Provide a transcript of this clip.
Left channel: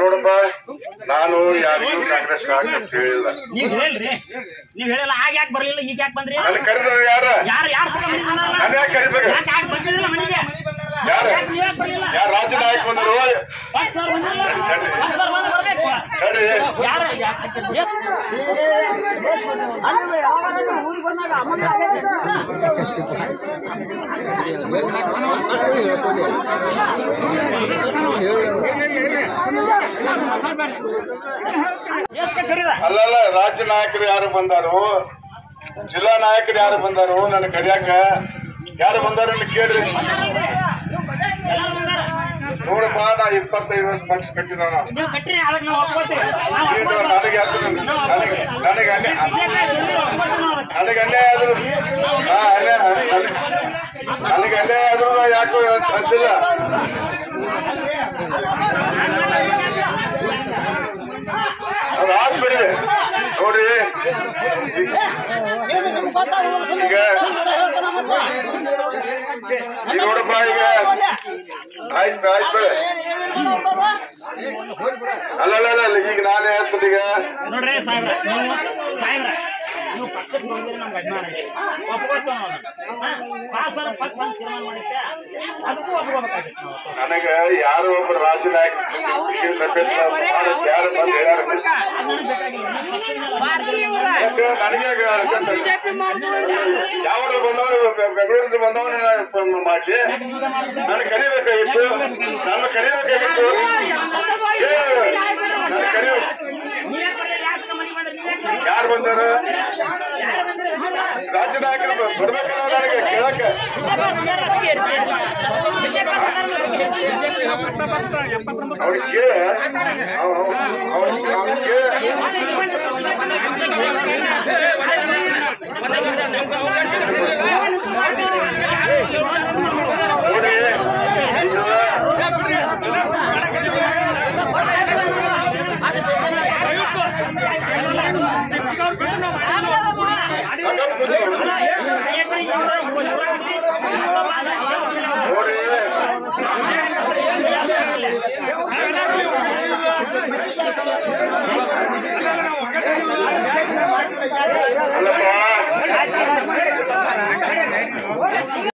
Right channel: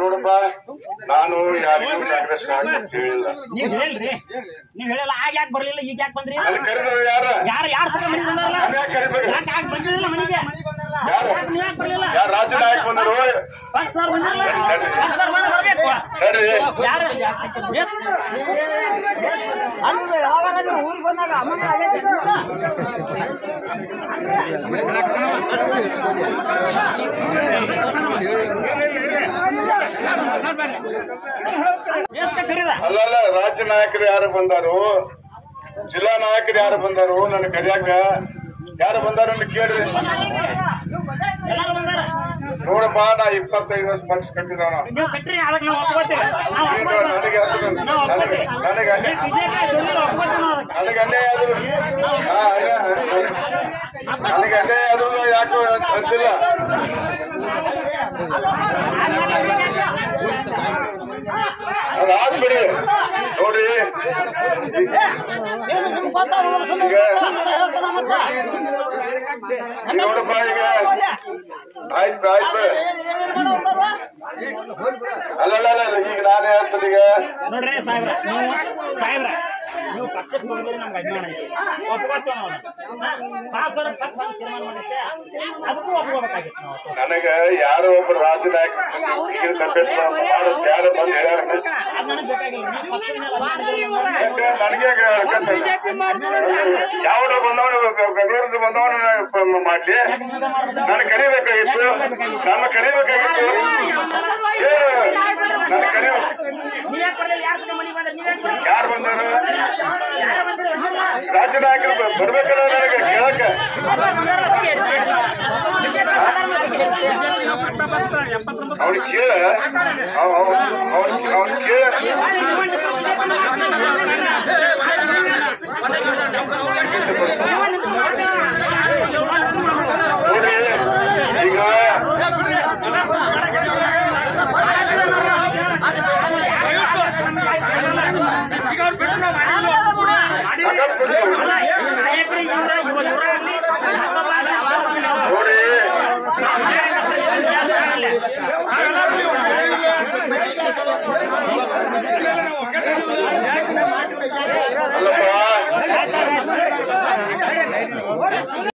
ನೋಡಪ್ಪ, ನಾನು ಯಾರಿಗೂ ಕಾಂಗ್ರೆಸ್ ಹೇಳಿಲ್ಲ. ನೀವ್ ಹೇಳ್ರಿ, ನೀವ್ ಹೇಳಲ್ಲ. ಆಗ ಯಾಕೆ ಬರ್ಲಿಲ್ಲ, ಈಗ ಯಾಕೆ ಬಂದ್ರಿ? ಯಾರು ರಾಜ್ಯ ನಾಯಕ ಬಂದರು, ಊರಿಗೆ ಬಂದಾಗ ಅಮೌಂಟ್ ಅಲ್ಲಲ್ಲ, ರಾಜ್ಯ ನಾಯಕರು ಯಾರು ಬಂದಾರು, ಜಿಲ್ಲಾ ನಾಯಕರು ಯಾರು ಬಂದಾರು, ನನ್ನ ಕರಿಯಾಕ ಯಾರು ಬಂದಾರ ಅಂತ ಕೇಳ್ರಿ. ನೋಡಪ್ಪ, ನಾ 25 ವರ್ಷ ಪಕ್ಷ ಕಟ್ಟಿದವನ, ನನಗೆ ಅನ್ಯಾಯ ಆದ್ರು, ನನಗೆ ಅನ್ಯಾಯ ಆದ್ರೂ ಯಾಕೋ ಅಂತಿಲ್ಲ. ಅವ್ರು ಆಗ್ಬಿಡಿ ನೋಡ್ರಿ. ನೋಡಪ್ಪ, ಈಗ ಆಯ್ತು ಆಯ್ತು, ಅಲ್ಲಲ್ಲ, ಈಗ ನಾನೇ ಹೇಳ್ತೀನಿ. ಈಗ ನೋಡ್ರಿ ಸಾಹೇಬ್ರ, ನೀವು ಪಕ್ಷಕ್ಕೆ ಬಂದ್ರೆ ನಮ್ಗೆ ಅಭಿಮಾನ ಐತೆ, ಒಪ್ಕೋತೀವಿ ನಾವು. ಪಕ್ಷ ತೀರ್ಮಾನ ಮಾಡುತ್ತೆ, ಅದಕ್ಕೂ ಒಪ್ಕೋಬೇಕಾಗಿತ್ತು ನಾವು. ನನಗೆ ಯಾರೋ ಒಬ್ಬರು ರಾಜ್ಯ ನಾಯಕ ಯಾರು ಬಂದು ಹೇಳ್ಯಾರ, ನನಗೆ ಯಾವನು ಬಂದವನು ಬೆಂಗಳೂರಿಂದ ಬಂದವನು ಮಾಡ್ಲಿ, ನಾನು ಕರಿಬೇಕಾಗಿತ್ತು, ನಾನು ಕರಿಬೇಕಾಗಿತ್ತು, ನಾನು ಕರಿಬೇಕು. ಯಾರು ಬಂದಾರ? ರಾಜ್ಯ ನಾಯಕರು ಬರ್ಬೇಕಲ್ಲ ನನಗೆ ಕೇಳಕ್ಕೆ. ಅವ್ನಿಗೆ ಕೇಳ, ಅವ್ನಿಗೆ ಕೇಳ. ನೋಡಿ, ನೋಡಿ